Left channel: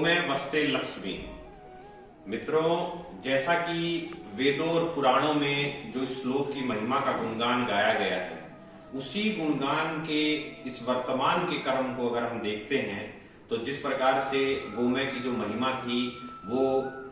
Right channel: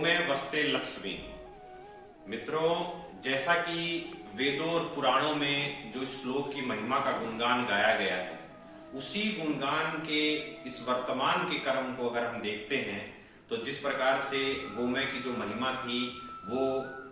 गोमय वस्ते लक्ष्मी। मित्रों, जैसा कि वेदों और पुराणों में जो श्लोक की महिमा का गुणगान गाया गया है, उसी गुणगान के इस वर्तमान के कर्म को अगर हम देखते हैं तो जिस प्रकार से गोमय की जो महिमा थी वो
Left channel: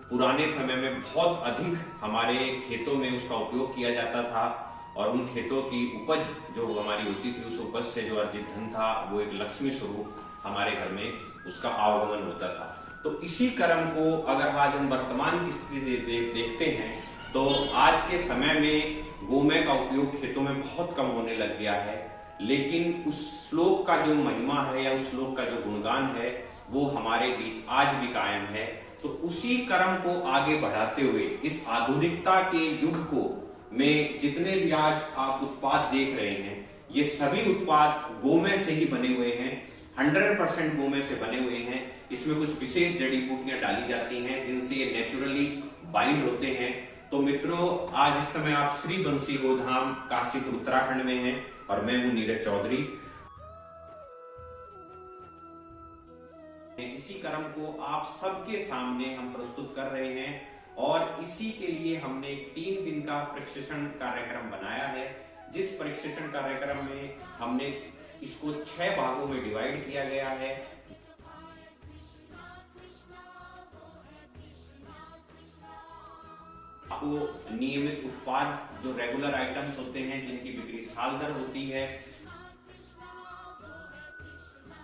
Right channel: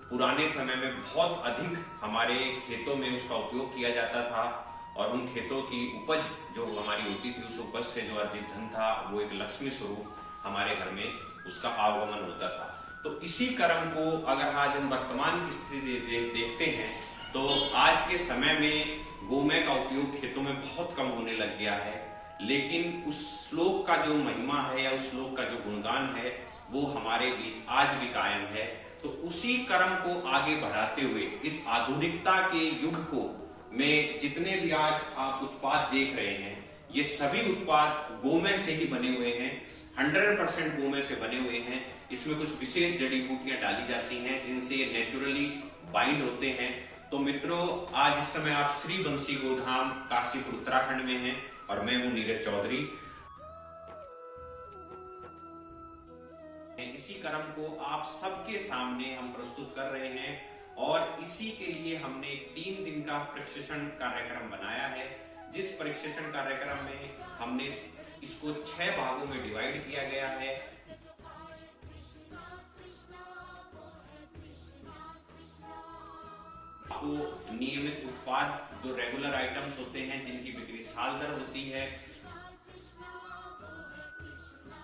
पुराने समय में बहुत अधिक हमारे खेतों में उसका उपयोग किया जाता था और उन खेतों की उपज जो हमारी होती थी उस उपज से जो अर्जित धन था वो एक लक्ष्मी स्वरूप हमारे घर में उसका आवागमन होता था। तो इसी कर्म को अगर आज हम वर्तमान की स्थिति देखते हैं तो आज के समय में गोमय का उपयोग खेतों में बहुत कम होने लग गया है, लेकिन उस श्लोक का जो महिमा है या उस श्लोक का जो गुणगान है वो हमारे बीच आज भी कायम है। तो उसी कर्म को आगे बढ़ाते हुए इस आधुनिकता के युग को में जितने भी आज आप उत्पाद देख रहे हैं ये सभी उत्पाद गोमय से ही बने हुए हैं, 100% गोमय से बने हुए हैं। इसमें कुछ विशेष जड़ी बूटियां डाली जाती हैं जिनसे ये नेचुरली बाइंड होते हैं। तो मित्रों, आज इस समय आप श्री बंसी गोधाम काशीपुर उत्तराखंड में हैं और मैं हूं नीरज चौधरी। इसी कर्म को आप सबके सामने हम प्रस्तुत कर रहे हैं और इसी के लिए हमने 3 दिन का प्रशिक्षण कार्यक्रम बनाया है, जिस प्रशिक्षण कार्यक्रम में हमने इसको 6 भागों में डिवाइड किया गया है। आपको नियमित उत्पाद जो रेगुलर आइटम्स होते हैं जिनकी बिक्री साल दर होती है,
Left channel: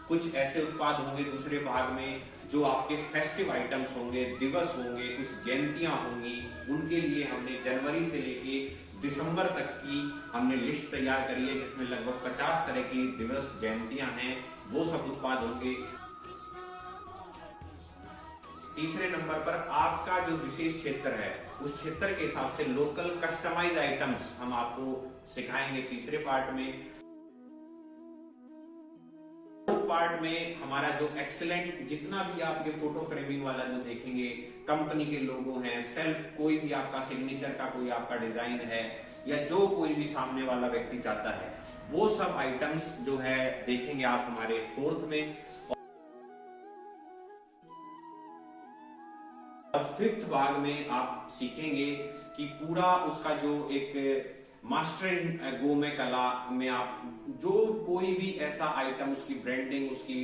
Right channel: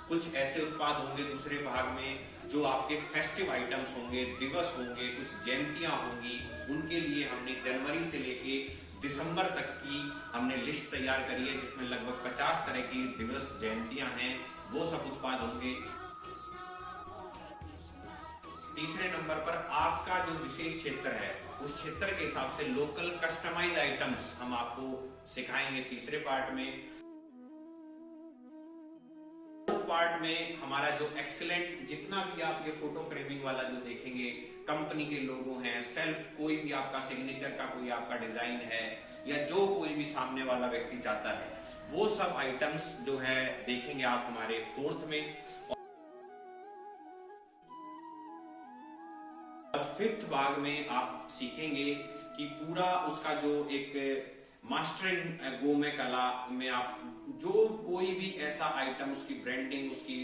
कुछ ऐसे उत्पाद होंगे दूसरे भाग में जो आपके फेस्टिव आइटम्स होंगे, दिवस होंगे, कुछ जयंतियां होंगी, उनके लिए हमने जनवरी से लेके दिसंबर तक की हमने लिस्ट तैयार करी है जिसमें लगभग 50 तरह की दिवस जयंतियां हैं, वो सब उत्पाद होंगे। तीसरे नंबर पर आपका जो विशेष क्षेत्र है उस क्षेत्र के हिसाब से लोकल कस्टमाइज आइटम्स हम आपको सिखाएंगे तीसरे पार्ट में। पार्ट में हमारा जो एक्सीलेंट जितना भी आप ये फोटो फ्रेमिंग वाला जो देखेंगे, कंपनी के लोगो हैं, सेल्फ कोई भी आपका सिग्नेचर का कोई आपका डिजाइन है या जो कोई भी सामने वाला व्यक्ति चाहता है वो सब आइटम्स जो है देखेंगे आप हमारे 4th में। और 5th भाग में आप सीखेंगे कि पूरा उसका जो एक मास्टर इन गोमय कला में आप जो कोई भी ऐसा आइटम, उसकी ब्रांडिंग, उसकी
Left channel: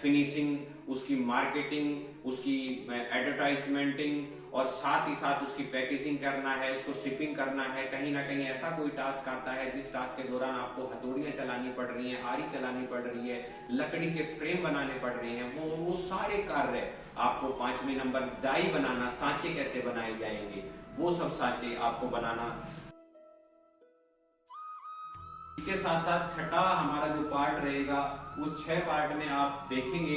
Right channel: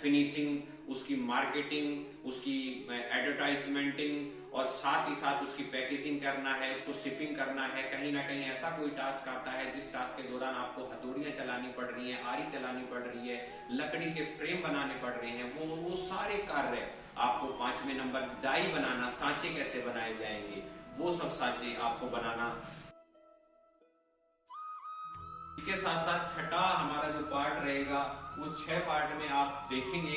फिनिशिंग, उसकी मार्केटिंग, उसकी एडवर्टाइजमेंटिंग और साथ ही साथ उसकी पैकेजिंग करना है, उसको शिपिंग करना है। कहीं ना कहीं ऐसा कोई टास्क आता है जिस टास्क के दौरान आपको हथौड़ियां चलानी पड़ रही हैं, आरी चलानी पड़ रही है, लकड़ी के फ्रेम बनाने पड़ रहे हैं, वो सारे कार्य आपको 5वें नंबर डाई बनाना, सांचे कैसे बनाए जाएंगे वो सब सांचे आपको बनाना। इसके साथ साथ छठा हमारा जो पार्ट रहेगा उस 6 पार्ट में आप देखेंगे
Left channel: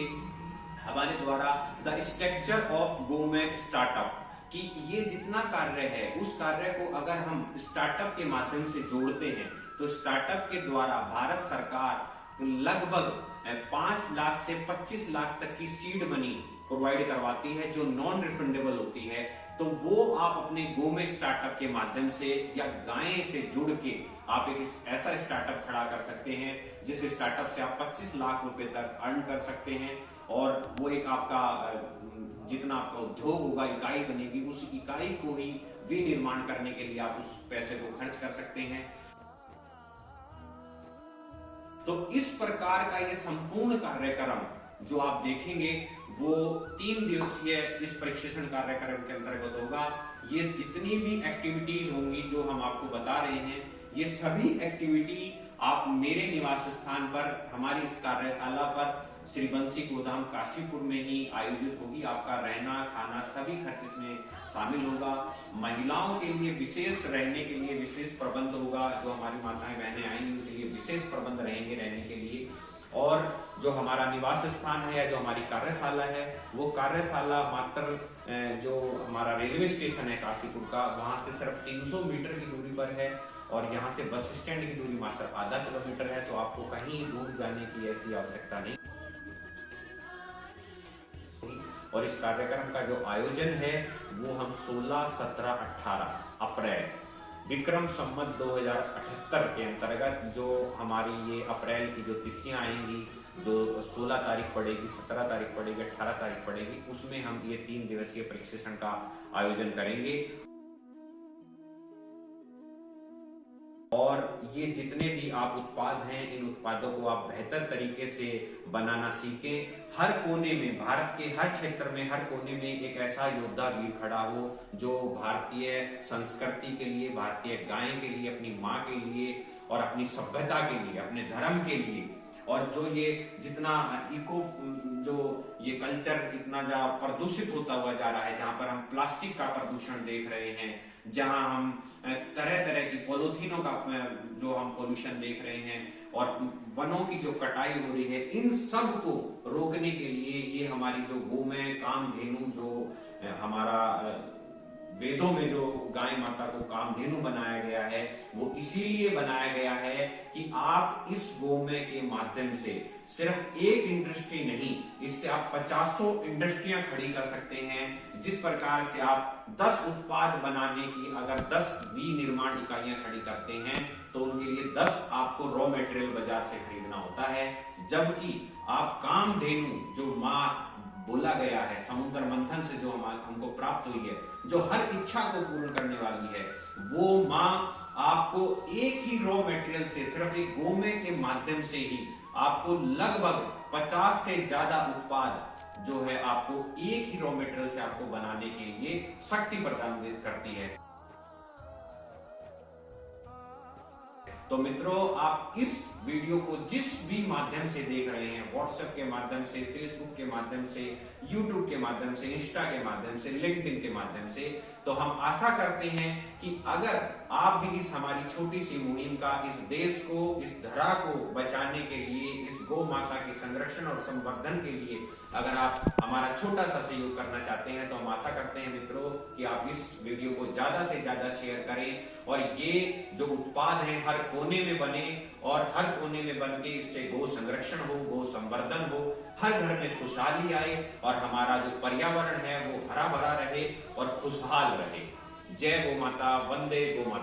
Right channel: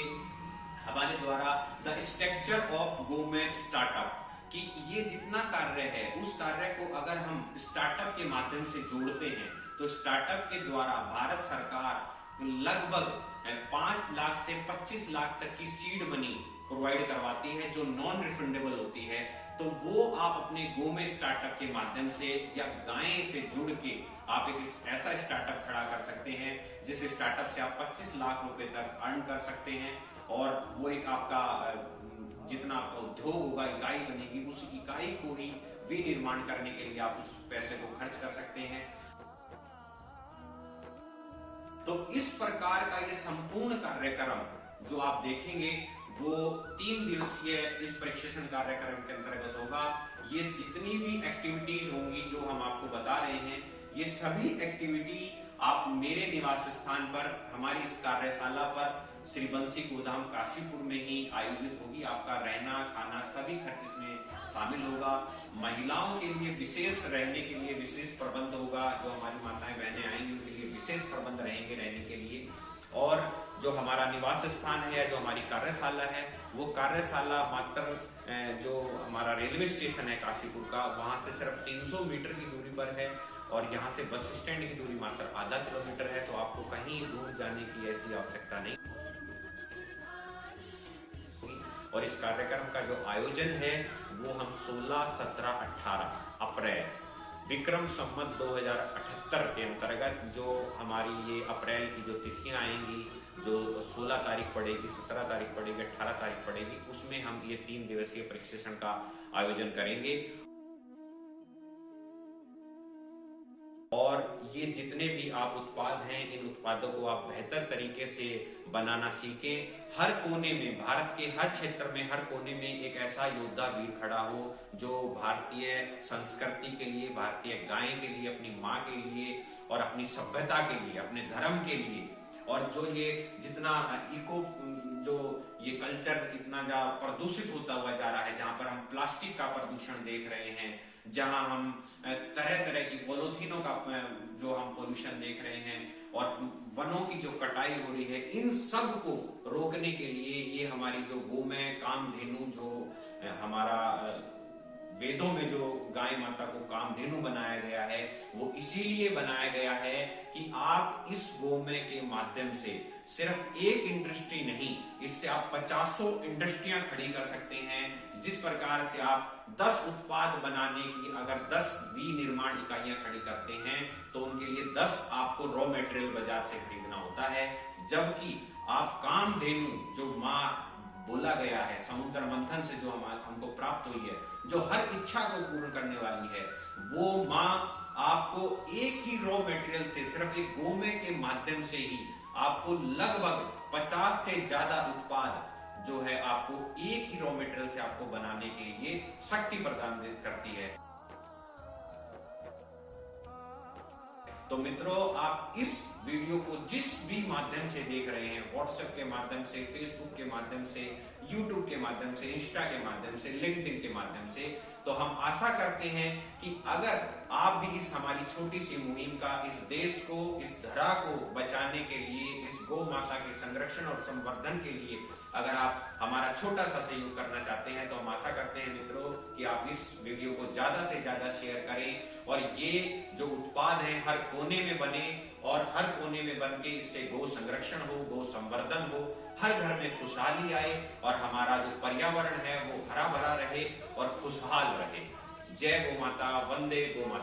हमारे द्वारा द स्ट्रक्चर ऑफ गोमय स्टार्टअप, कि ये जितना कार्य है उस कार्य को अगर हम स्टार्टअप के माध्यम से जोड़ते हैं तो स्टार्टअप के द्वारा भारत सरकार लगभग 5 लाख से 25 लाख तक की सीड मनी प्रोवाइड करवाती है जो नॉन रिफंडेबल होती है। तो वो आप अपने गोमय स्टार्टअप के माध्यम से या गाय से जुड़ के आप एक ऐसा स्टार्टअप खड़ा कर सकते हैं जिस स्टार्टअप से आप 25 लाख रुपए तक अर्न कर सकते हैं और वो एक आपका जितना आपका उद्योग होगा, इकाई बनेगी, उस इकाई को ही विनिर्माण करने के लिए आप उस पैसे को खर्च कर सकते हैं। तो इस प्रकार का ये संपूर्ण कार्यक्रम जो आप देखेंगे वो 3 दिवसीय इस प्रशिक्षण कार्यक्रम के अंतर्गत होगा। ये जितनी भी एक्टिविटीज होंगी जो हम आपको बता रहे हैं ये सभी एक्टिविटी आप मेरे निवास स्थान पर हमारी इस कार्यशाला पर श्री बंसी गोधाम काशीपुर में ही आयोजित होगी। आपका रहना खाना सभी खर्च इसमें शामिल होगा। महिलाओं के लिए विशेष रहने के लिए विशेष प्रबंध होगा, जो हमारी माताएं बहनें आएंगी उनके लिए विशेष प्रबंध रहेंगे रहने के लिए। और जो हमारा निवास स्थान है या जो हमारी कार्यशाला है वो कार्यशाला मात्र जो हमारा रेलवे स्टेशन है काशीपुर का वहां से सिर्फ 300 मीटर की दूरी पर है और यहाँ से बस स्टैंड की दूरी मात्र आधा किलोमीटर है। तो आपको कहीं दूर जाने की ऐसी आवश्यकता नहीं। और इस कार्यक्रम का जो आयोजन है वो हम 16, 17, 18 अप्रैल विक्रम संवत 2078 के अंतर्गत जो हमारी ये अप्रैल की जो तिथियां आएंगी जो 16 तारीख पड़ेगी, 17 तारीख पड़ेगी, 18 तारीख पड़ेगी, उसमें हम ये 3 दिवसीय प्रशिक्षण का आयोजन करेंगे। और ये जितने भी आप उत्पाद हैं, इन उत्पादों को आप बेहतर तरीके से बनाना सीखें। हर कोने में, भारत के हर क्षेत्र में, हर कोने में एक ऐसा योद्धा वीर खड़ा हो जो भारतीय संस्कृति के लिए, भारतीय गाय के लिए, अपनी माँ के लिए और अपनी सभ्यता के लिए, अपने धर्म के लिए, और जो ये जितना जो ये कल्चर इतना जा प्रदूषित होता हुआ जा रहा है, जहां पर हम प्लास्टिक का प्रदूषण देख रहे हैं, जहां हम तरह तरह की पॉलिथीनों का जो हम पोल्यूशन देख रहे हैं, और वनों की जो कटाई हो रही है, इन सब को रोकने के लिए ये हमारी जो गोमय कामधेनु, जो हमारा वेदों में जो गाय माता को कामधेनु बनाया गया है, वो इसीलिए बनाया गया है कि आप इस गोमय के माध्यम से सिर्फ एक इंडस्ट्री नहीं, इससे आप 50 इंडस्ट्रियां खड़ी कर सकते हैं। जिस प्रकार से आप 10 उत्पाद बनाने की अगर 10 विनिर्माण इकाइयां खड़ी करते हैं, तो उनके लिए 10 आपको रॉ मटेरियल बाजार से खरीदना होता है। जबकि आप कामधेनु, जो माँ बोला गया है, समुद्र मंथन से जो हमको प्राप्त हुई है, जो हर इच्छा को पूर्ण करने वाली है, वो माँ आपको एक ही रॉ मटेरियल से, सिर्फ एक गोमय के माध्यम से ही आपको लगभग 50 से ज्यादा उत्पाद जो है आपको एक ही रॉ मटेरियल से आपको बनाने के लिए शक्ति प्रदान करती है। तो मित्रों, आप इस वीडियो को जिस भी माध्यम से देख रहे हैं, व्हाट्सएप के माध्यम से, फेसबुक के माध्यम से, यूट्यूब के माध्यम से, इंस्टा के माध्यम से, लिंक्डइन के माध्यम से, तो हम आशा करते हैं कि अगर आप भी इस हमारी छोटी सी मुहिम का, इस देश को, इस धरा को बचाने के लिए, इस गौ माता के संरक्षण और संवर्धन के लिए अगर आप हमारा छोटा सा सहयोग करना चाहते हैं, तो हम आशा करते हैं मित्रों कि आप इस वीडियो को ज्यादा से ज्यादा शेयर करें, और ये जो उत्पाद हैं हर कोने में बने, और हर कोने में बन के इससे गौ संरक्षण हो, गौ संवर्धन हो, हर घर में खुशहाली आए, और हमारा जो पर्यावरण है वो हरा भरा रहे और खुशहाल रहे। जय गौ माता, वंदे गौ मातरम।